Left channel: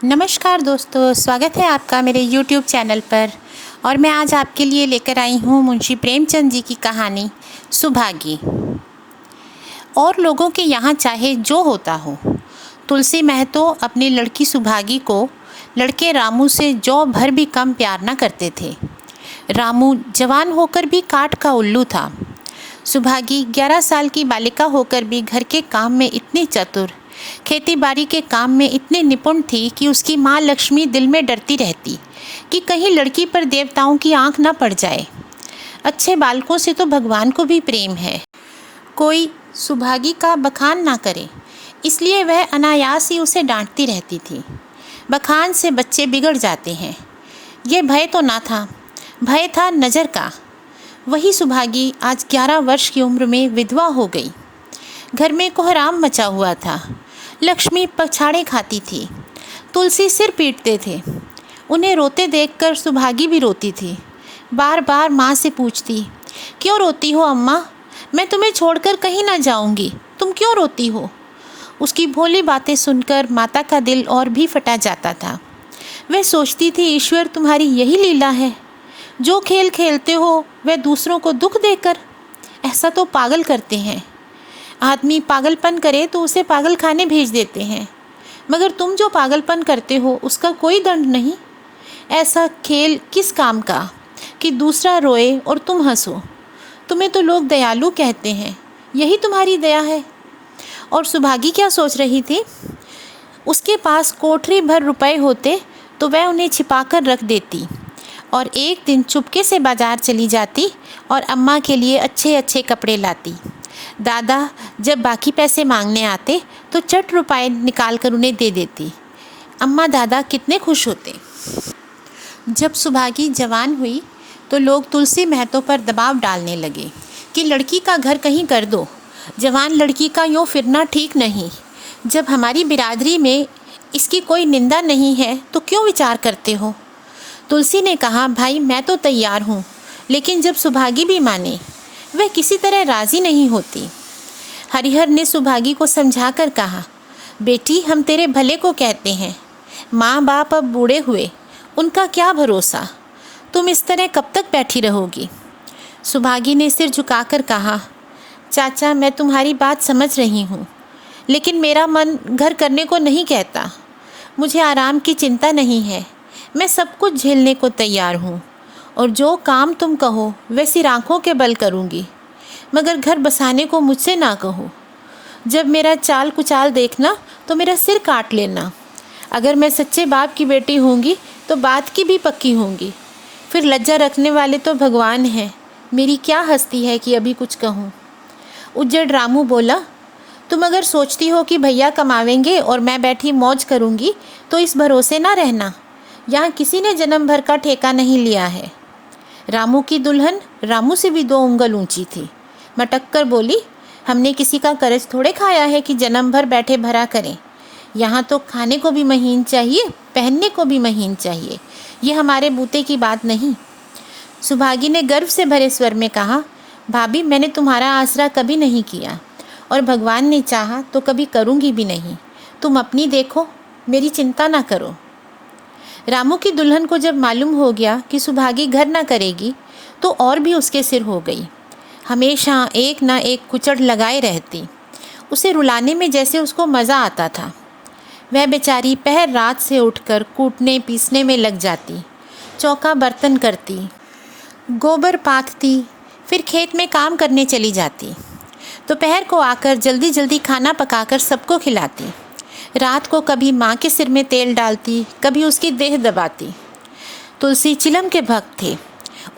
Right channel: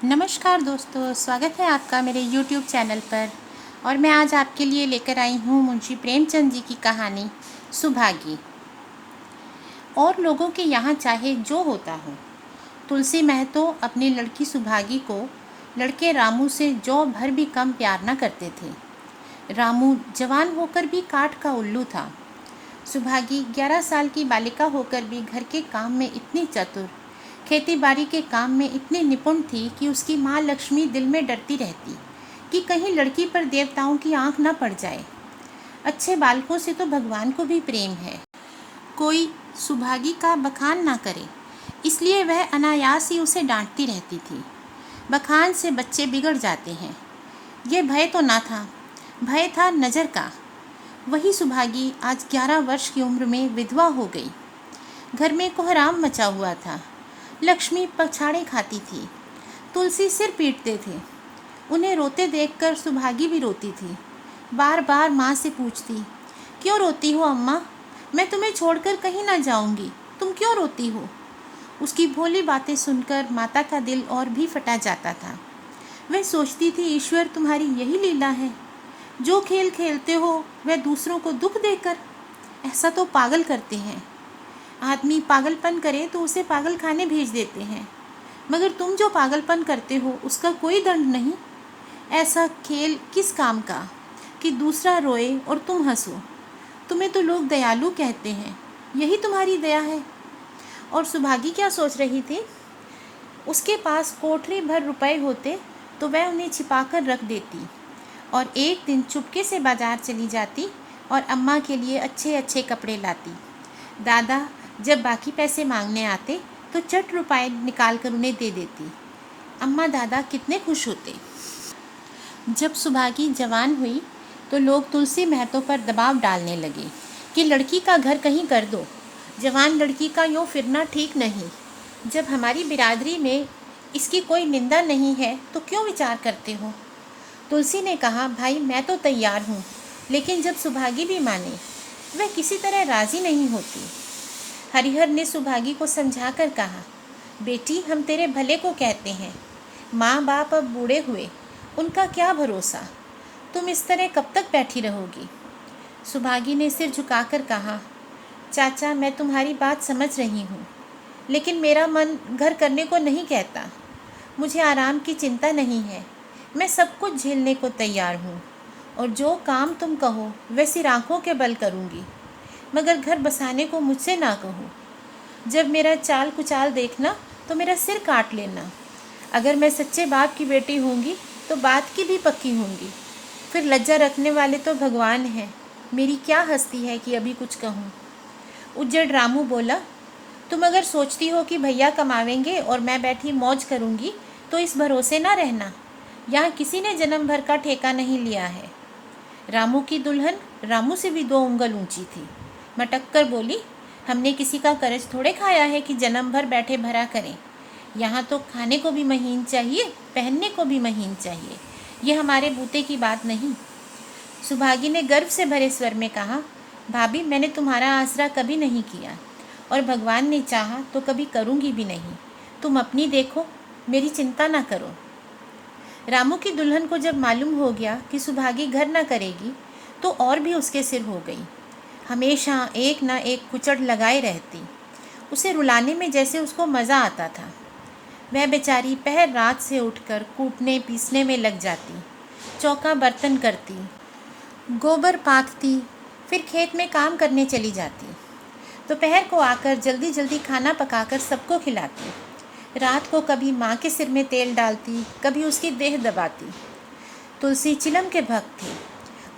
नमस्कार दोस्तों, स्वागत है आपका मेरे YouTube चैनल पर। और मैं आज आपके लिए लेकर आई हूँ मुंशी प्रेमचंद जी की कहानी सुभागी। और लोगों के यहाँ चाहे जो होता हो, तुलसी महतो अपनी लड़की सुभागी को लड़के रामू से जौ भर भी कम प्यार न करते थे। रामू जवान होकर भी काठ का उल्लू था। सुभागी 11 साल की बालिका होकर भी घर के काम में इतनी चतुर, खेती बाड़ी के काम में इतनी निपुण थी कि उसकी माँ लक्ष्मी दिल में डरती रहती कि कहीं लड़की पर देवताओं की आंख न पड़ जाए। अच्छे बालकों से तो भगवान को भी प्रेम है, कोई सुभागी का बखान ना करे, इसलिए वह अनायास ही उसे डांटती रहती थी। बखान से बच्चे बिगड़ जाते हैं। ये भय तो ना था, भय था नज़र का। वही सुभागी आज 11 वर्ष की उम्र में विधवा हो गई। घर में कोहराम मचा हुआ था। लक्ष्मी पछाड़े खाती थी, तुलसी सिर पीटते थे। उन्हें रोते देखकर सुभागी भी रोती थी। बार बार माँ से पूछती, क्यों रोती हो अम्मा? मैं तुम्हें छोड़कर कहीं ना जाऊंगी, तुम क्यों रोती हो? उसकी भोली बातें सुनकर माता का दिल और भी फटा जाता था। वह सोचती थी, ईश्वर तुम्हारी यही लीला है, जो खेल खेलते हो वह दूसरों को दुख देकर। ऐसा तो पागल करते हैं। आदमी पागलपन करे तो उसे पागल खाने भेज देते हैं, मगर तुम जो पागलपन करते हो उसका कोई दंड नहीं। ऐसा खेल किस काम का कि दूसरा रोए और तुम हंसो। तुम्हें तो लोग दयालु कहते हैं, यही तुम्हारी दया है। और सुभागी क्या सोच रही थी? उसके पास कोठरी भर रुपए होते तो वह उन्हें छिपाकर रख देती और एक दिन चुपके से बाजार चली जाती और अम्मा के लिए अच्छे अच्छे कपड़े लाती। दादा जब बाकी पैसे मांगने आते तो चट रुपए निकाल कर उन्हें दे देती। अम्मा दादा कितने खुश होते। जब सुभागी जवान हुई तो लोग तुलसी महतो पर दबाव डालने लगे कि लड़की का घर कहीं कर दो, जवान लड़की का यूँ फिरना ठीक नहीं। जब हमारी बिरादरी में इसकी कोई निंदा नहीं है तो क्यों विचार करते हो? तुलसी ने कहा, भाई मैं तो तैयार हूँ, लेकिन जब सुभागी भी माने, वह किसी तरह राज़ी नहीं होती। हरिहर ने सुभागी को समझाकर कहा, बेटी हम तेरे भले को कहते हैं, माँ बाप अब बूढ़े हुए, उनका क्या भरोसा, तुम इस तरह कब तक बैठी रहोगी? सुभागी ने सिर झुकाकर कहा, चाचा मैं तुम्हारी बात समझ रही हूँ, लेकिन मेरा मन घर करने को नहीं कहता। मुझे आराम की चिंता नहीं है, मैं सब कुछ झेलने को तैयार हूँ और जो काम तुम कहो वह सिर आँखों के बल करूँगी, मगर घर बसाने को मुझसे ना कहो। जब मेरा चाल कुचाल देखना तो मेरा सिर काट लेना। अगर मैं सच्चे बाप की बेटी होंगी तो बात की भी पक्की होंगी। फिर लज्जा रखने वाले तो भगवान हैं, मेरी क्या हस्ती है कि अभी कुछ कहूँ। उज्जड़ रामू बोला, तुम अगर सोचती हो कि भैया कमावेंगे और मैं बैठी मौज करूँगी तो इस भरोसे ना रहना, यहाँ किसी ने जन्म भर का ठेका नहीं लिया है। रामू की दुल्हन रामू से भी 2 उंगल ऊंची थी। मटक कर बोली, हमने किसी का कर्ज थोड़े खाया है कि जन्म भर बैठे भरा करें। यहाँ तो खाने को भी महीन चाहिए, पहनने को भी महीन चाहिए, ये हमारे बूते की बात नहीं। सुभागी ने गर्व से भरे स्वर में कहा, भाभी मैंने तुम्हारा आसरा कभी नहीं किया और भगवान ने चाहा तो कभी करूँगी भी नहीं। तुम अपनी देखो, मेरी चिंता ना करो। रामू की दुल्हन को जब मालूम हो गया कि सुभागी घर न करेगी तो और भी उसके सिर हो गई। हमेशा एक ना एक कुचड़ लगाए रहती। उसे रुलाने में जैसे उसको मज़ा आता था। वह बेचारी पहर रात से उठकर कूटने पीसने में लग जाती, चौका बर्तन करती, गोबर पाथती, फिर खेत में काम करने चली जाती। दोपहर को आकर जल्दी जल्दी खाना पकाकर सबको खिलाती। रात को कभी माँ के सिर में तेल डालती, कभी उसकी देह दबाती। तुलसी चिलम के भक्त थे,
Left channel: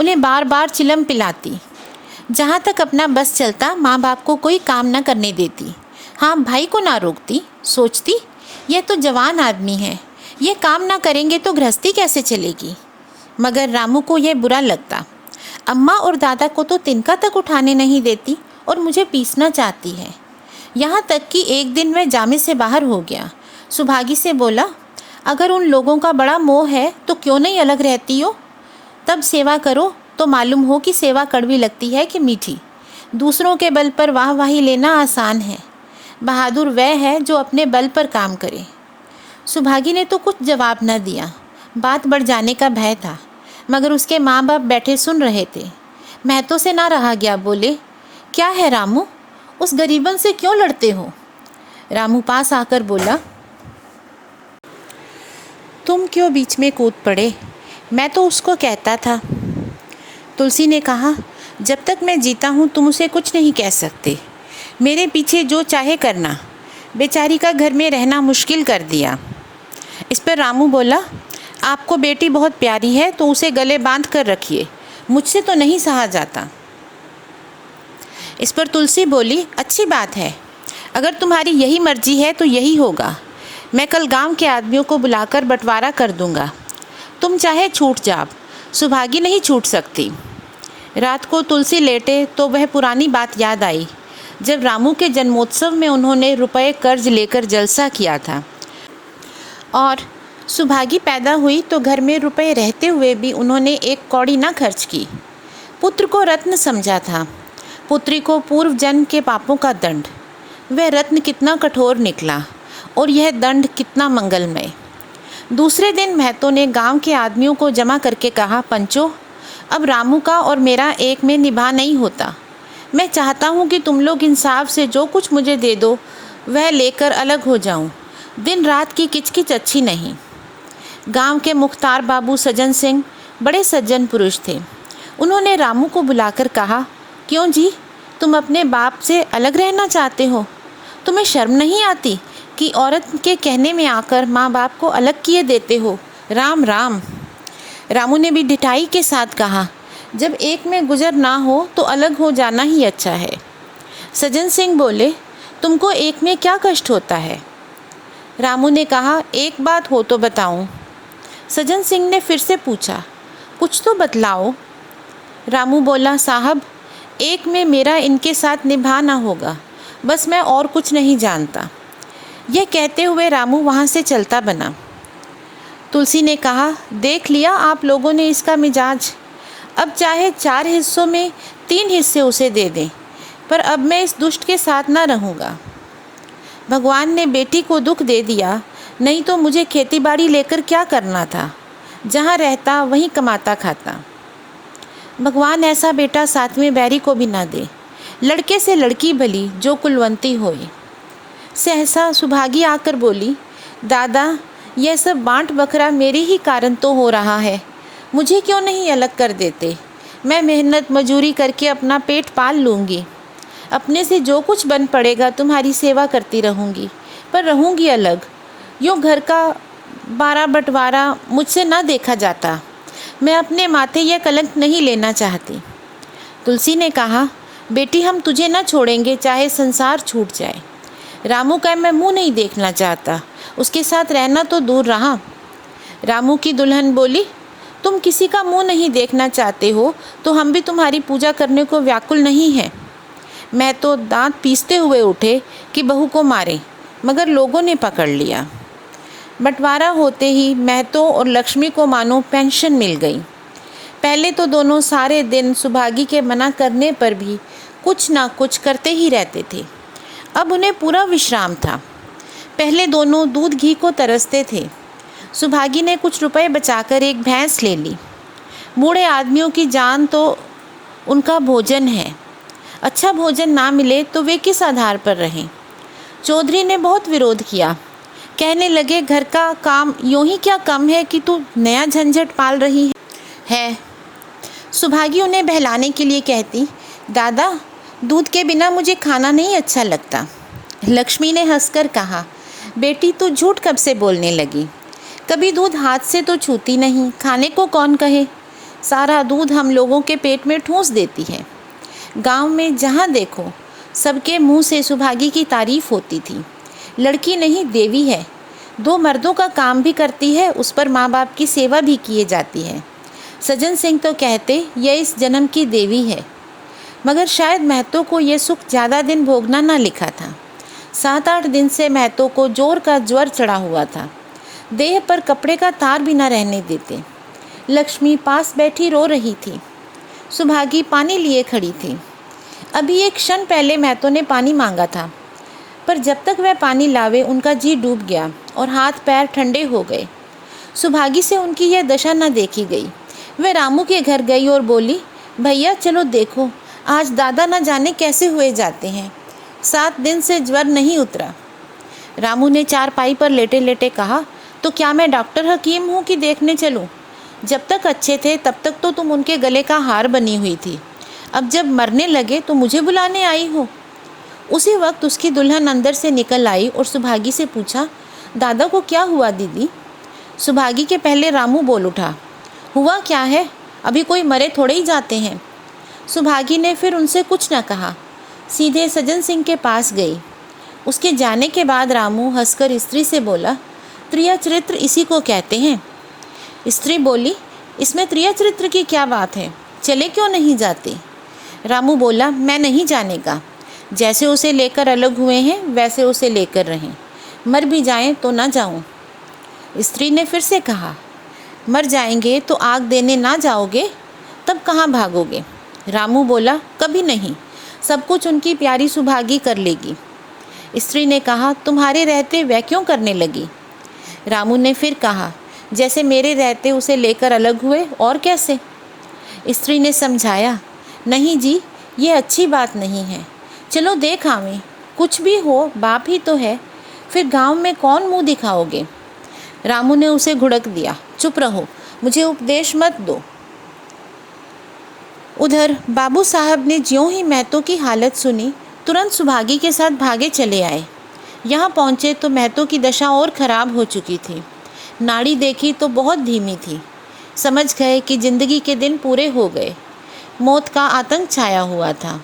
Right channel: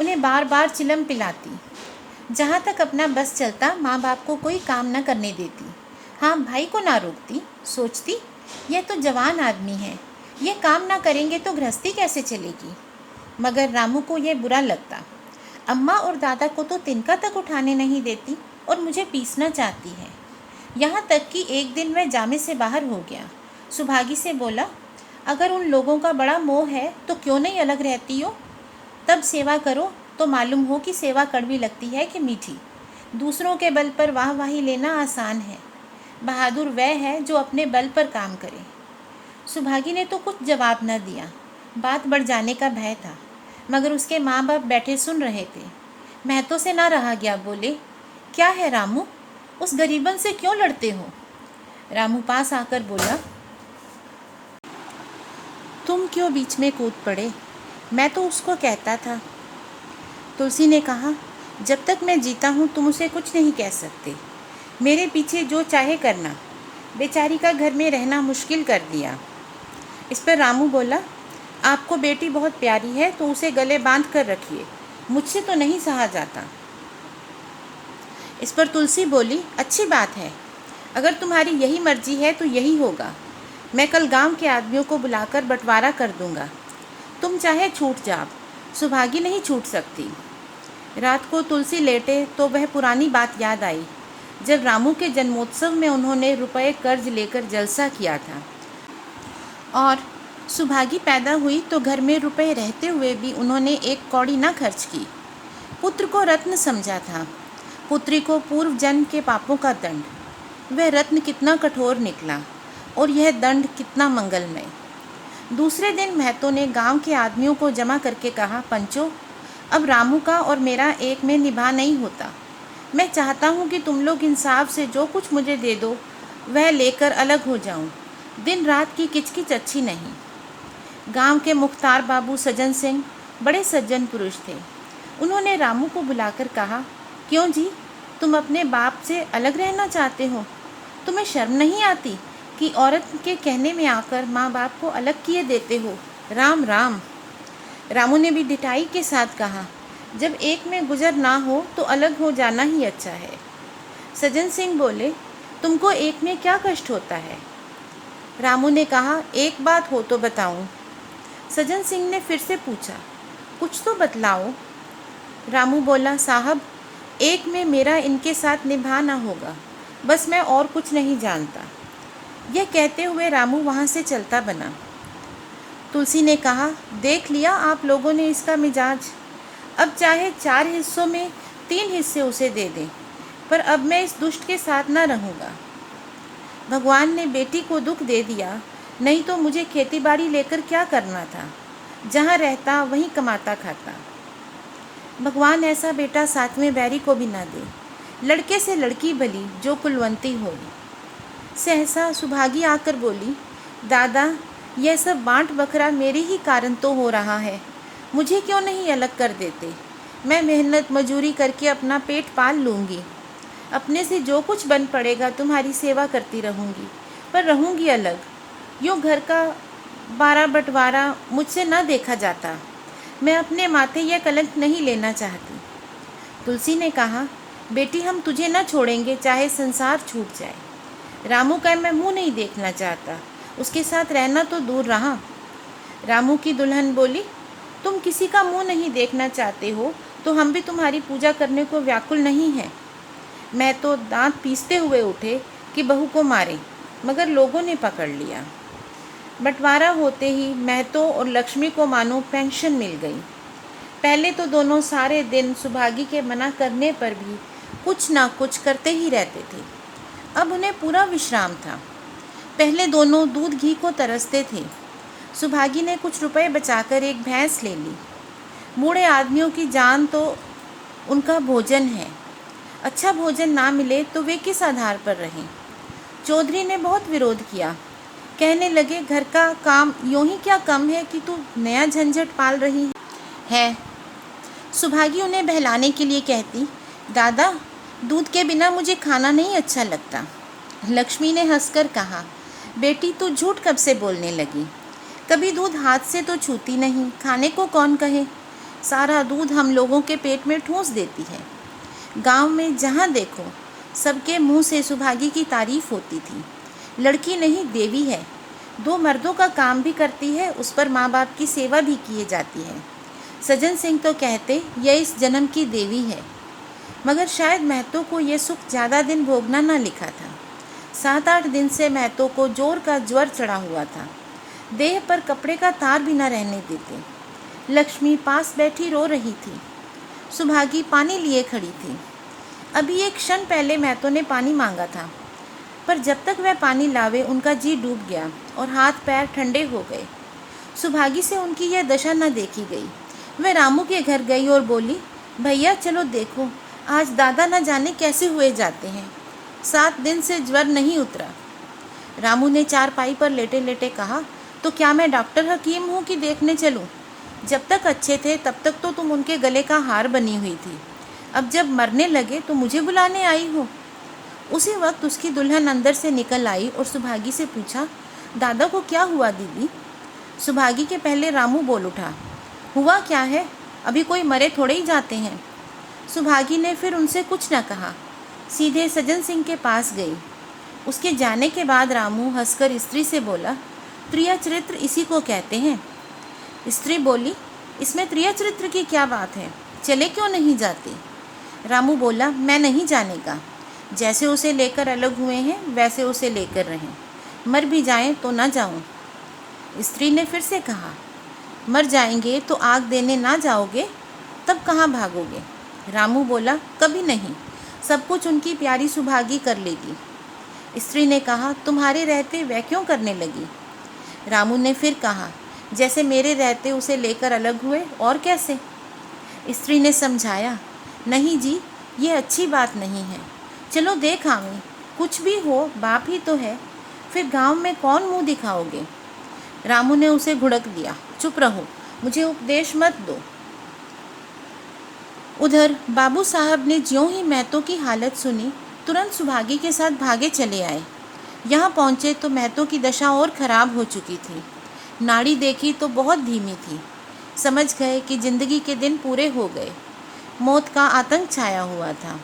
उन्हें बार बार चिलम पिलाती। जहाँ तक अपना बस चलता माँ बाप को कोई काम न करने देती। हाँ, भाई को ना रोकती, सोचती यह तो जवान आदमी है, ये काम ना करेंगे तो गृहस्थी कैसे चलेगी। मगर रामू को यह बुरा लगता। अम्मा और दादा को तो तिनका तक उठाने नहीं देती और मुझे पीसना चाहती है। यहाँ तक कि एक दिन वह जामे से बाहर हो गया। सुभागी से बोला, अगर उन लोगों का बड़ा मोह है तो क्यों नहीं अलग रहती हो? तब सेवा करो तो मालूम हो कि सेवा कड़वी लगती है कि मीठी। दूसरों के बल पर वाहवाही लेना आसान है, बहादुर वह है जो अपने बल पर काम करे। सुभागी ने तो कुछ जवाब न दिया। बात बढ़ जाने का भय था, मगर उसके माँ बाप बैठे सुन रहे थे। महतो से ना रहा गया, बोले, क्या है रामू, उस गरीबन से क्यों लड़ते हो? रामू पास आकर बोला, तुम क्यों बीच में कूद पड़े? मैं तो उसको कहता था। तुलसी ने कहा, जब तक मैं जीता हूँ तुम उसे कुछ नहीं कह सकते। मेरे पीछे जो चाहे करना। बेचारी का घर में रहना मुश्किल कर दिया। इस पर रामू बोला, आपको बेटी बहुत प्यारी है तो उसे गले बांध कर रखिए, मुझसे तो नहीं सहा जाता। इस पर तुलसी बोली, अच्छी बात है, अगर तुम्हारी यही मर्जी है तो यही होगा। मैं कल गांव के आदमियों को बुलाकर बंटवारा कर दूंगा। तुम चाहे छूट जाओ, सुभागी नहीं छूट सकती। रात को तुलसी लेटे तो वह पुरानी बात याद आई, जब रामू के जन्मोत्सव में उन्होंने रुपए कर्ज लेकर जलसा किया था और सुभागी पैदा हुई तो घर में रुपए रहते हुए भी उन्होंने एक कौड़ी न खर्च की। पुत्र को रत्न समझा था, पुत्री को पूर्व जन्म के पापों का दंड। वह रत्न कितना कठोर निकला और यह दंड कितना मंगलमय। दूसरे दिन महतो ने गांव के आदमियों को जमा करके कहा, पंचो, अब रामू का और मेरा एक में निभा नहीं होता। मैं चाहता हूँ कि तुम लोग इंसाफ से जो कुछ मुझे दे दो वह लेकर अलग हो जाऊँ। दिन रात की किचकिच अच्छी नहीं। गांव के मुख्तार बाबू सज्जन सिंह बड़े सज्जन पुरुष थे। उन्होंने रामू को बुलाकर कहा, क्यों जी, तुम अपने बाप से अलग रहना चाहते हो? तुम्हें शर्म नहीं आती कि औरत के कहने में आकर माँ बाप को अलग किए देते हो? राम राम। रामू ने भी ढिठाई के साथ कहा, जब एक में गुजर ना हो तो अलग हो जाना ही अच्छा है। सज्जन सिंह बोले, तुमको एक में क्या कष्ट होता है? रामू ने कहा, एक बात हो तो बताऊं। सज्जन सिंह ने फिर से पूछा, कुछ तो बतलाओ। रामू बोला, साहब, एक में मेरा इनके साथ निभाना होगा, बस मैं और कुछ नहीं जानता। यह कहते हुए रामू वहाँ से चलता बना। तुलसी ने कहा, देख लिया आप लोगों ने इसका मिजाज। अब चाहे 4 हिस्सों में 3 हिस्से उसे दे दें, पर अब मैं इस दुष्ट के साथ ना रहूँगा। भगवान ने बेटी को दुख दे दिया, नहीं तो मुझे खेती बाड़ी लेकर क्या करना था? जहाँ रहता वहीं कमाता खाता। भगवान ऐसा बेटा 7वें बैरी को भी ना दे। लड़के से लड़की भली, जो कुलवंती होए। सहसा सुभागी आकर बोली, दादा, यह सब बांट बखरा मेरे ही कारण तो हो रहा है। मुझे क्यों नहीं अलग कर देते? मैं मेहनत मजूरी करके अपना पेट पाल लूँगी। अपने से जो कुछ बन पड़ेगा तुम्हारी सेवा करती रहूँगी, पर रहूँगी अलग। यूँ घर का 12 बंटवारा मुझसे ना देखा जाता। मैं अपने माथे यह कलंक नहीं लेना चाहती। तुलसी ने कहा, बेटी, हम तुझे न छोड़ेंगे चाहे संसार छूट जाए। रामू का मैं मुंह नहीं देखना चाहता, उसके साथ रहना तो दूर रहा। रामू की दुल्हन बोली, तुम किसी का मुंह नहीं देखना चाहते हो तो हम भी तुम्हारी पूजा करने को व्याकुल नहीं हैं। मैं तो दांत पीसते हुए उठे कि बहू को मारे, मगर लोगों ने पकड़ लिया। बंटवारा होते ही महतो और लक्ष्मी को मानो पेंशन मिल गई। पहले तो दोनों सारे दिन सुभागी के मना करने पर भी कुछ ना कुछ करते ही रहते थे। अब उन्हें पूरा विश्राम था। पहले दोनों दूध घी को तरसते थे। सुभागी ने कुछ रुपए बचाकर एक भैंस ले ली। बूढ़े आदमियों की जान तो उनका भोजन है। अच्छा भोजन ना मिले तो वे किस आधार पर रहें? चौधरी ने बहुत विरोध किया। कहने लगे, घर का काम यूँ ही क्या कम है कि तू नया झंझट पाल रही है। सुभागी उन्हें बहलाने के लिए कहती, दादा, दूध के बिना मुझे खाना नहीं अच्छा लगता। लक्ष्मी ने हंसकर कहा, बेटी, तू झूठ कब से बोलने लगी? कभी दूध हाथ से तो छूती नहीं, खाने को कौन कहे? सारा दूध हम लोगों के पेट में ठूंस देती है। गांव में जहाँ देखो सबके मुंह से सुभागी की तारीफ होती थी। लड़की नहीं, देवी है। 2 मर्दों का काम भी करती है, उस पर माँ बाप की सेवा भी किए जाती है। सज्जन सिंह तो कहते यह इस जन्म की देवी है, मगर शायद महतो को यह सुख ज़्यादा दिन भोगना ना लिखा था। 7-8 दिन से महतो को जोर का ज्वर चढ़ा हुआ था। देह पर कपड़े का तार भी न रहने देते। लक्ष्मी पास बैठी रो रही थी। सुभागी पानी लिए खड़ी थी। अभी एक क्षण पहले महतो ने पानी मांगा था, पर जब तक वह पानी लावे उनका जी डूब गया और हाथ पैर ठंडे हो गए। सुभागी से उनकी यह दशा न देखी गई। वह रामू के घर गई और बोली, भैया चलो देखो, आज दादा न जाने कैसे हुए जाते हैं, 7 दिन से ज्वर नहीं उतरा। रामू ने चारपाई पर लेटे लेटे कहा, तो क्या मैं डॉक्टर हकीम हूँ कि देखने चलूँ? जब तक अच्छे थे तब तक तो तुम उनके गले का हार बनी हुई थी, अब जब मरने लगे तो मुझे बुलाने आई हो। उसी वक्त उसकी दुल्हन अंदर से निकल आई और सुभागी से पूछा, दादा को क्या हुआ दीदी? सुभागी के पहले रामू बोल उठा, हुआ क्या है, अभी कोई मरे थोड़े ही जाते हैं। सुभागी ने फिर उनसे कुछ न कहा, सीधे सज्जन सिंह के पास गई। उसके जाने के बाद रामू हंसकर स्त्री से बोला, त्रिया चरित्र इसी को कहते हैं। स्त्री बोली, इसमें त्रिया चरित्र की क्या बात है, चले क्यों नहीं जाते? रामू बोला, मैं नहीं जाने का, जैसे उसे लेकर अलग हुए हैं वैसे उसे लेकर रहें, मर भी जाएं तो ना जाऊं। स्त्री ने फिर से कहा, मर जाएंगे तो आग देने ना जाओगे, तब कहाँ भागोगे? रामू बोला, कभी नहीं, सब कुछ उनकी प्यारी सुभागी कर लेगी। स्त्री ने कहा, तुम्हारे रहते वह क्यों करने लगी? रामू ने फिर कहा, जैसे मेरे रहते उसे लेकर अलग हुए, और कैसे? स्त्री ने समझाया, नहीं जी, ये अच्छी बात नहीं है, चलो देख आवें, कुछ भी हो बाप ही तो है, फिर गांव में कौन मुंह दिखाओगे? रामू ने उसे घुड़क दिया, चुप रहो, मुझे उपदेश मत दो। उधर बाबू साहब ने ज्यों ही महतो की हालत सुनी, तुरंत सुभागी के साथ भागे चले आए। यहाँ पहुँचे तो महतो की दशा और खराब हो चुकी थी। नाड़ी देखी तो बहुत धीमी थी। समझ गए कि जिंदगी के दिन पूरे हो गए। मौत का आतंक छाया हुआ था।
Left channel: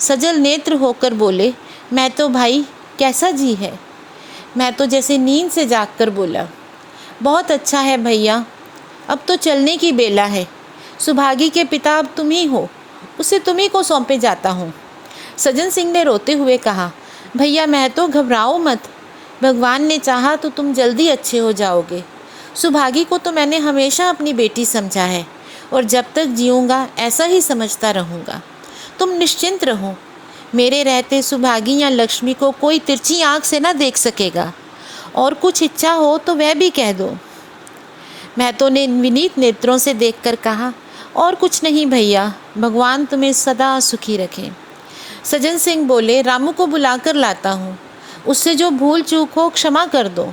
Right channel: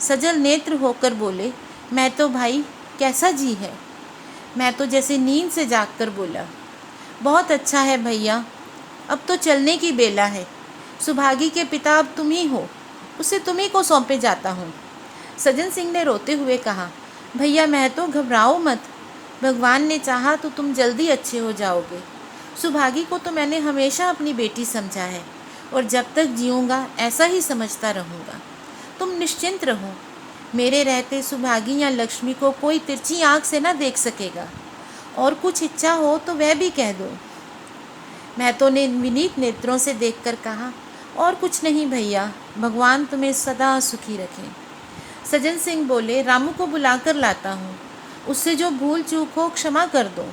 सजल नेत्र होकर बोले, महतो भाई कैसा जी है? महतो जैसे नींद से जागकर बोला, बहुत अच्छा है भैया, अब तो चलने की बेला है। सुभागी के पिता अब तुम ही हो, उसे तुम्ही को सौंपे जाता हूँ। सज्जन सिंह ने रोते हुए कहा, भैया महतो घबराओ मत, भगवान ने चाहा तो तुम जल्दी अच्छे हो जाओगे। सुभागी को तो मैंने हमेशा अपनी बेटी समझा है और जब तक जीऊँगा ऐसा ही समझता रहूँगा। तुम निश्चिंत रहो, मेरे रहते सुभागी या लक्ष्मी को कोई तिरछी आँख से ना देख सकेगा, और कुछ इच्छा हो तो वह भी कह दो। महतो ने विनीत नेत्रों से देखकर कहा, और कुछ नहीं भैया, भगवान तुम्हें सदा सुखी रखे। सज्जन सिंह बोले, रामू को बुलाकर लाता हूँ, उससे जो भूल चूक हो क्षमा कर दो।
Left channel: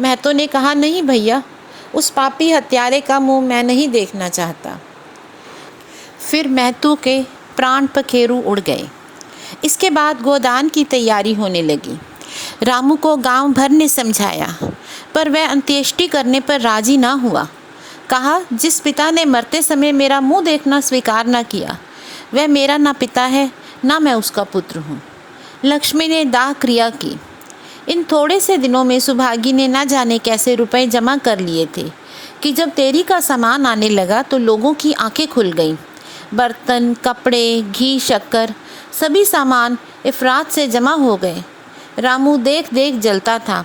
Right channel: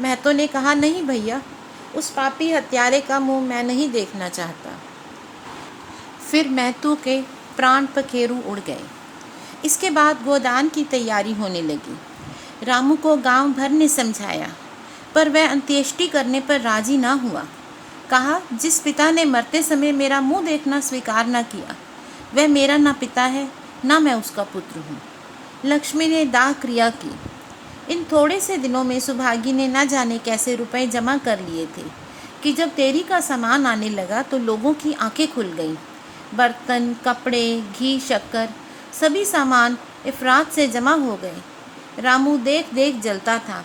महतो ने कहा, नहीं भैया, उस पापी हत्यारे का मुंह मैं नहीं देखना चाहता। फिर महतो के प्राण पखेरु उड़ गए। इसके बाद गोदान की तैयारी होने लगी। रामू को गांव भर ने समझाया, पर वह अंत्येष्टि करने पर राजी ना हुआ। कहा, जिस पिता ने मरते समय मेरा मुंह देखना स्वीकार न किया, वह मेरा ना पिता है ना मैं उसका पुत्र हूँ। लक्ष्मी ने दाह क्रिया की। इन थोड़े से दिनों में सुभागी ने ना जाने कैसे रुपए जमा कर लिए थे कि जब तेरी का सामान आने लगा तो लोगों की आंखें खुल गईं। बर्तन, कपड़े, घी, शक्कर, सभी सामान इफरात से जमा हो गए। रामू देख देख जलता था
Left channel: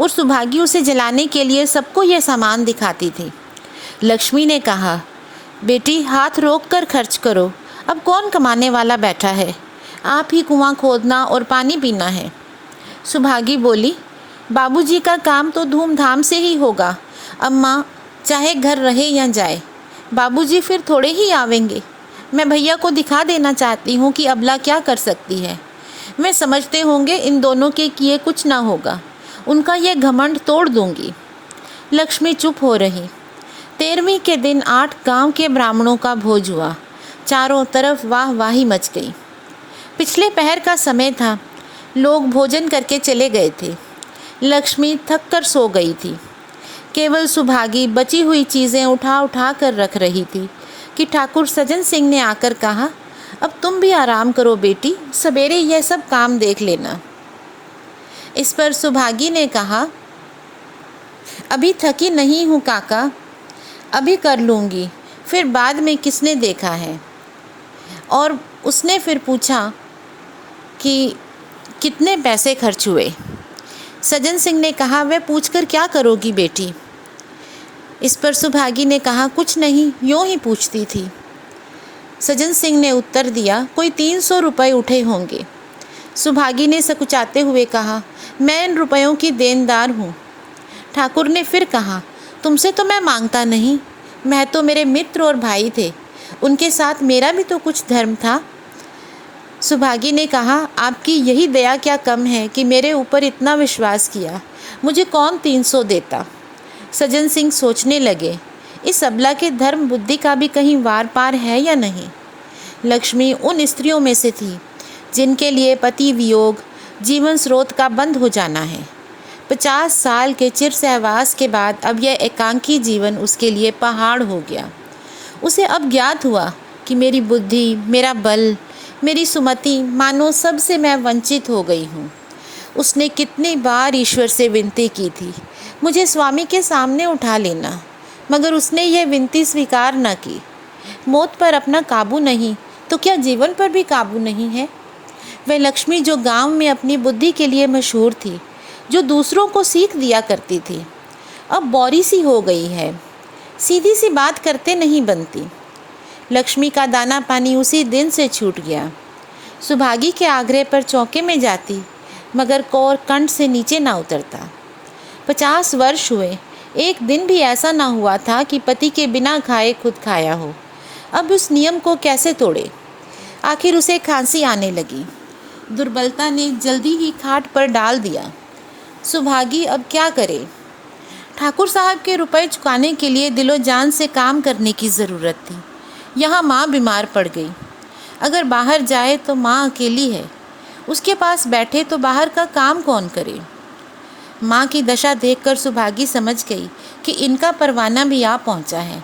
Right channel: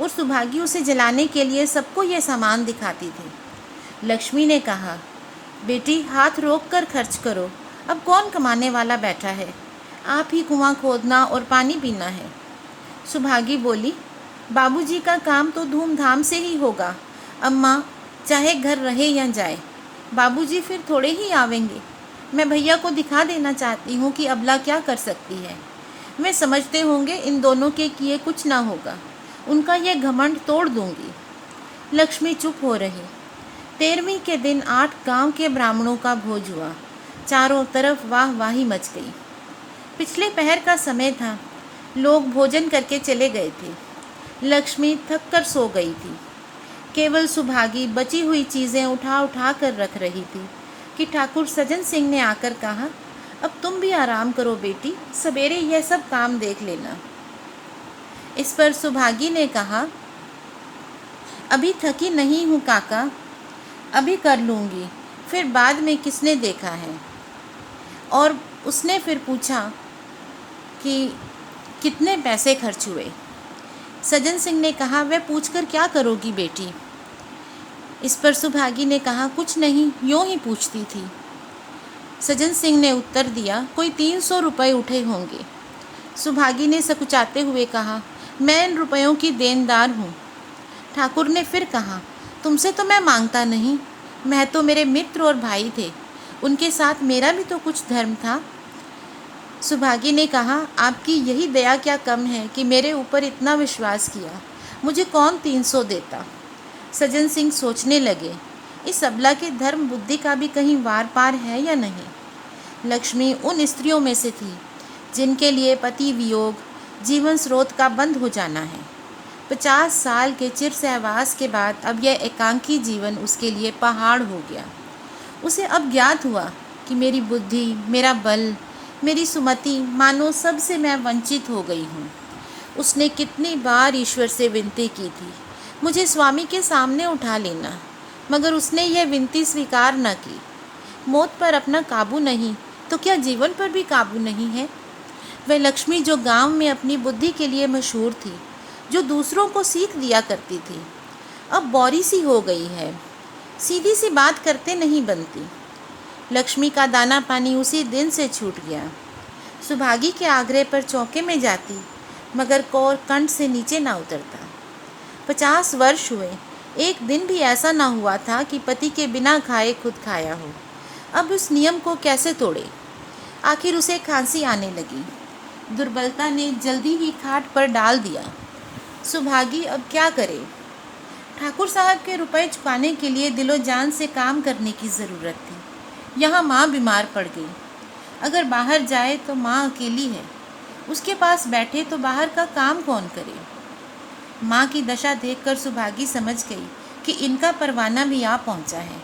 और सुभागी उसे जलाने के लिए सबको यह सामान दिखाती थी। लक्ष्मी ने कहा, बेटी हाथ रोक कर खर्च करो, अब कौन कमाने वाला बैठा है, आप ही कुआं खोदना और पानी पीना है। सुभागी बोली, बाबूजी का काम तो धूमधाम से ही होगा अम्मा, चाहे घर रहे या जाए, बाबूजी फिर थोड़े ही आवेंगे। मैं भैया को दिखा देना चाहती हूँ कि अबला क्या कर सकती है। मैं समझते होंगे इन दोनों के किए कुछ ना होगा, उनका ये घमंड तोड़ दूंगी। लक्ष्मी चुप हो रही। 13वीं के दिन 8 गांव के ब्राह्मणों का भोज हुआ। चारों तरफ वाह वाही मच गई। पिछले पहर का समय था, लोग भोजन करके चले गए थे। लक्ष्मी थक कर सो गई थी। केवल सुभागी बची हुई चीज़ें उठा उठा कर रख रही थी कि ठाकुर सज्जन सिंह ने आकर कहा, अब तुम भी आराम करो बेटी, सवेरे यह सब काम देख लेना। इस पर सुभागी ने कहा, अभी थकी नहीं हूँ काका, अभी कर लूँगी, फिर बाद में किसने देखा है। और उसने फिर पूछा कि कितने पैसे खर्च हुए। सज्जन सिंह ने कहा, वह पूछकर क्या करोगी बेटी। इस पर सुभागी ने कहा, कुछ नहीं, यूँ ही पूछती थी। सज्जन सिंह ने उत्तर दिया, कोई 300 रुपये उठे होंगे। सुभागी ने सकुचाते हुए कहा, मैं इन रुपयों की देनदार हूँ, ठाकुर ने फिर कहा, तुमसे तो मैं मांगता नहीं, मैं तो मेरे मित्र और भाई थे, उनके साथ मेरा भी तो कुछ धर्म था। सुभागी ने कहा, आपकी यही दया क्या कम है कि मेरे ऊपर इतना विश्वास किया, मुझे कौन 300 देता। सज्जन सिंह सोचने लगे, इस अबला के धर्म बुद्धि का भी कहीं वार पार है या नहीं। लक्ष्मी उन स्त्रियों में से थी जिनके लिए पति वियोग जीवन स्रोत का बंद हो जाना है। 50 साल के चिर सहवास के बाद अब यह एकांकी जीवन उसके लिए पहाड़ हो गया। उसे अब ज्ञात हुआ कि मेरी बुद्धि, मेरा बल, मेरी सुमति, मानो सबसे मैं वंचित हो गई हूँ। उसने कितनी बार ईश्वर से विनती की थी, मुझे स्वामी के सामने उठा लेना, मगर उसने यह विनती स्वीकार न की। मौत पर अपना काबू नहीं तो क्या जीवन पर भी काबू नहीं है। वह लक्ष्मी जो गांव में अपनी बुद्धि के लिए मशहूर थी, जो दूसरों को सीख दिया करती थी, अब बौरी सी हो गई है, सीधी सी बात करते नहीं बनती। लक्ष्मी का दाना पानी उसी दिन से छूट गया। सुभागी के आग्रह पर चौके में जाती, मगर कौर कंठ से नीचे ना उतरता। 50 वर्ष हुए, एक दिन भी ऐसा ना हुआ था कि पति के बिना खाए खुद खाया हो। अब उस नियम को कैसे तोड़े। आखिर उसे खांसी आने लगी। दुर्बलता ने जल्दी ही खाट पर डाल दिया। सुभागी अब क्या करे। ठाकुर साहब के रुपए चुकाने के लिए दिलो जान से काम करने की ज़रूरत थी। यहाँ माँ बीमार पड़ गई। अगर बाहर जाए तो माँ अकेली है, उसके पास बैठे तो बाहर का काम कौन करे। माँ की दशा देखकर सुभागी समझ गई कि इनका परवाना भी आ पहुँचा है।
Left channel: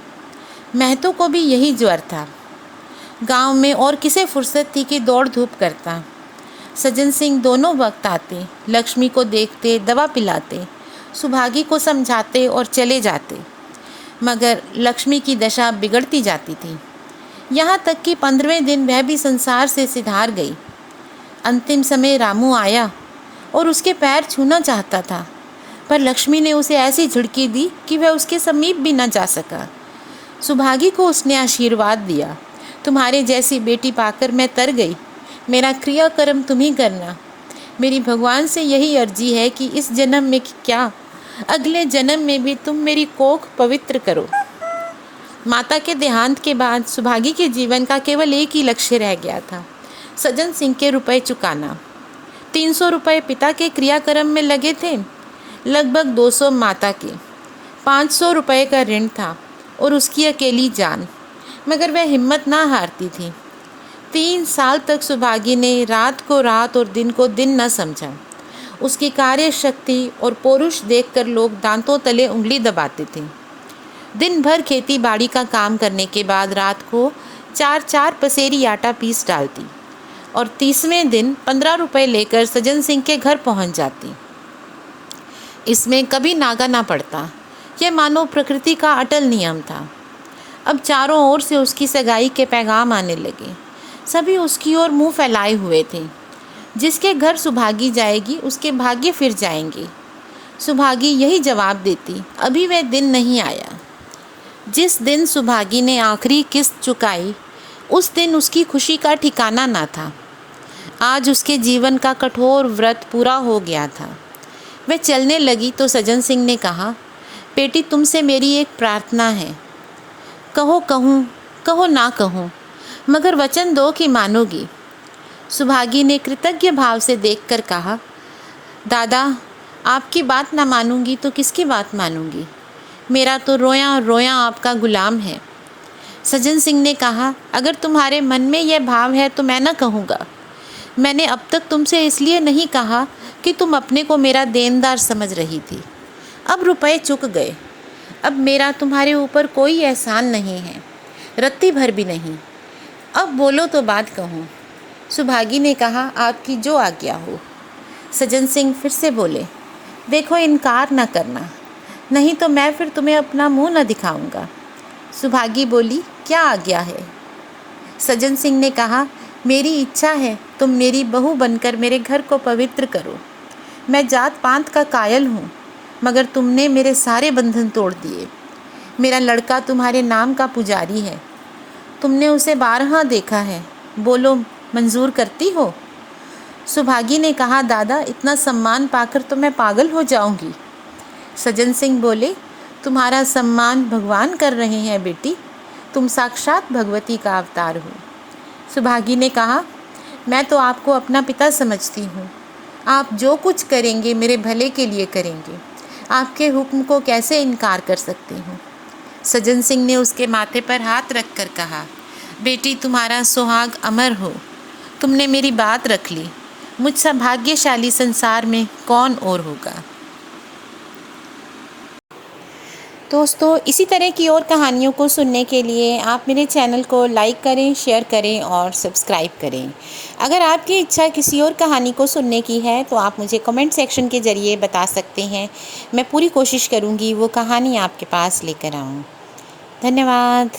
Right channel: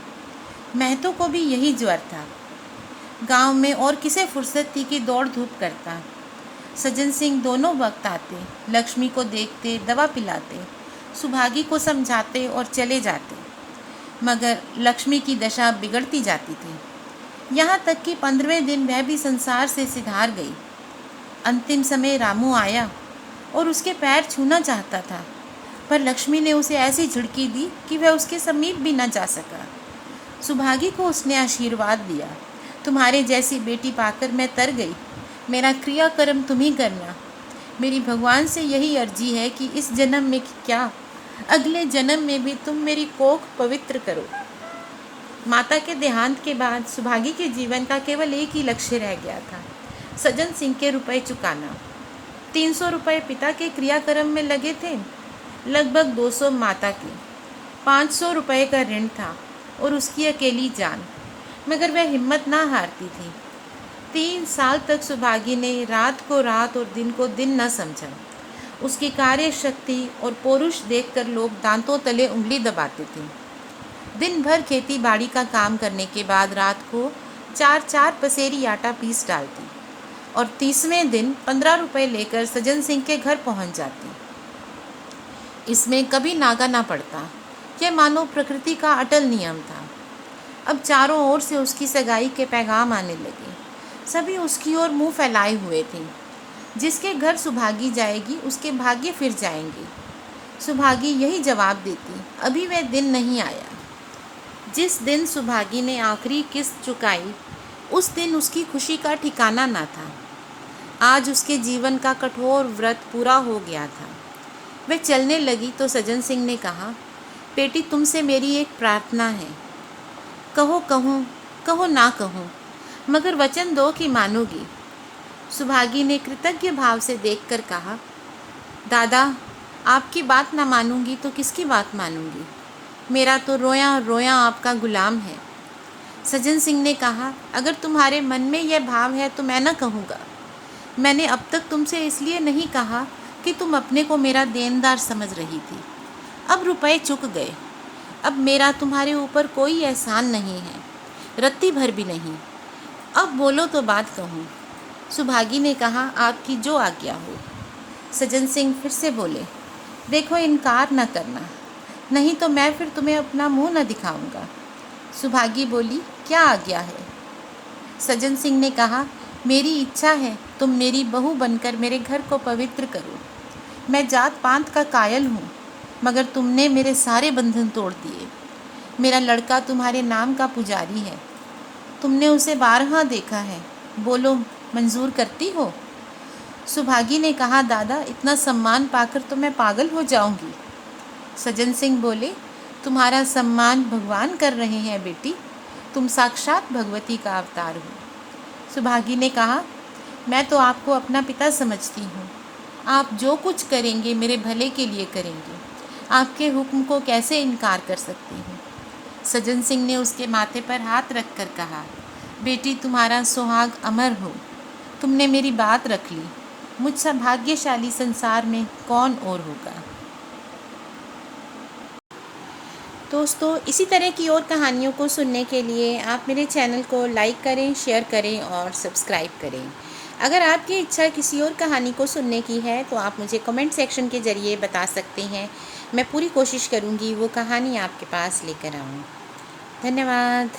महतो को भी यही ज्वर था। गांव में और किसे फुर्सत थी कि दौड़ धूप करता। सज्जन सिंह दोनों वक्त आते, लक्ष्मी को देखते, दवा पिलाते, सुभागी को समझाते और चले जाते, मगर लक्ष्मी की दशा बिगड़ती जाती थी। यहाँ तक कि 15वें दिन वह भी संसार से सिधार गई। अंतिम समय रामू आया और उसके पैर छूना चाहता था, पर लक्ष्मी ने उसे ऐसी झिड़की दी कि वह उसके समीप भी न जा सका। सुभागी को उसने आशीर्वाद दिया, तुम्हारे जैसी बेटी पाकर मैं तर गई, मेरा क्रियाकर्म तुम ही करना। मेरी भगवान से यही अर्जी है कि इस जन्म में क्या, अगले जन्म में भी तुम मेरी कोख पवित्र करो। माता के देहांत के बाद सुभागी के जीवन का केवल एक ही लक्ष्य रह गया था, सज्जन सिंह के रुपए चुकाना। 300 रुपये पिता के क्रियाकर्म में लगे थे, लगभग 200 माता के, 500 रुपये का ऋण था और उसकी अकेली जान, मगर वह हिम्मत ना हारती थी। 3 साल तक सुभागी ने रात को रात और दिन को दिन न समझा। उसकी कार्य शक्ति और पौरुष देखकर लोग दांतों तले उंगली दबाते थे। दिन भर खेती बाड़ी का काम करने के बाद रात को 4-4 पसेरी आटा पीस डालती और 30वें दिन 15 रुपये लेकर सज्जन सिंह के घर पहुंच जाती। इसमें कभी नागा ना पड़ता। यह मानो प्रकृति का अटल नियम था। अब चारों ओर से उसकी सगाई के पैगाम आने लगे। सभी उसकी ओर मुंह फैलाए हुए थे। जिसके घर सुभागी जाएगी उसके भाग्य फिर जाएंगे। सुभागी यही जवाब देती, अभी वह दिन नहीं आया। जिस दिन सुभागी ने आखिरी किस्त चुकाई, उस दिन उसकी खुशी का ठिकाना ना था। आज उसके जीवन का कठोर व्रत पूरा हो गया था। वह चलने लगी तो सज्जन सिंह ने कहा, बेटी तुमसे मेरी एक प्रार्थना है। कहो कहूँ, कहो ना कहूँ, मगर वचन दो कि मानोगी। सुभागी ने कृतज्ञ भाव से देखकर कहा, दादा आपकी बात ना मानूंगी तो किसकी बात मानूंगी। मेरा तो रोया रोया आपका गुलाम है। सज्जन सिंह ने कहा, अगर तुम्हारे मन में यह भाव है तो मैं न कहूँगा। मैंने अब तक तुमसे इसलिए नहीं कहा कि तुम अपने को मेरा देनदार समझ रही थी। अब रुपए चुक गए। अब मेरा तुम्हारे ऊपर कोई एहसान नहीं है, रत्ती भर भी नहीं। अब बोलो तो बात कहूँ। सुभागी ने कहा, आपकी जो आज्ञा हो। सज्जन सिंह फिर से बोले, देखो इनकार न करना, नहीं तो मैं फिर तुम्हें अपना मुंह न दिखाऊंगा। सुभागी बोली, क्या आज्ञा है। सज्जन सिंह ने कहा, मेरी इच्छा है तुम मेरी बहू बनकर मेरे घर को पवित्र करो। मैं जात पात का कायल हूँ, मगर तुमने मेरे सारे बंधन तोड़ दिए। मेरा लड़का तुम्हारे नाम का पुजारी है, तुमने उसे 12 देखा है, बोलो मंजूर करती हो। सुभागी ने कहा, दादा इतना सम्मान पाकर तो मैं पागल हो जाऊंगी। सज्जन सिंह बोले, तुम्हारा सम्मान भगवान कर रहे हैं बेटी, तुम साक्षात भगवती का अवतार हो। सुभागी ने कहा, मैं तो आपको अपना पिता समझती हूँ। आप जो कुछ करेंगे मेरे भले के लिए करेंगे। आपके हुक्म को कैसे इनकार कर सकती हूँ। सज्जन सिंह ने उसके माथे पर हाथ रख कर कहा, बेटी तुम्हारा सुहाग अमर हो। तुमने मेरी बात रख ली। मुझसे भाग्यशाली संसार में कौन और होगा। दोस्तों, इसी तरह की और कहानियों को सुनने के लिए आप मेरे चैनल को लाइक करें, शेयर करें और सब्सक्राइब करें। अगर आपकी इच्छा किसी और कहानी को सुनने की है तो आप मुझे कमेंट सेक्शन के ज़रिए बता सकते हैं। मैं पूरी कोशिश करूँगी वो कहानी आपके पास लेकर आऊँ। धन्यवाद।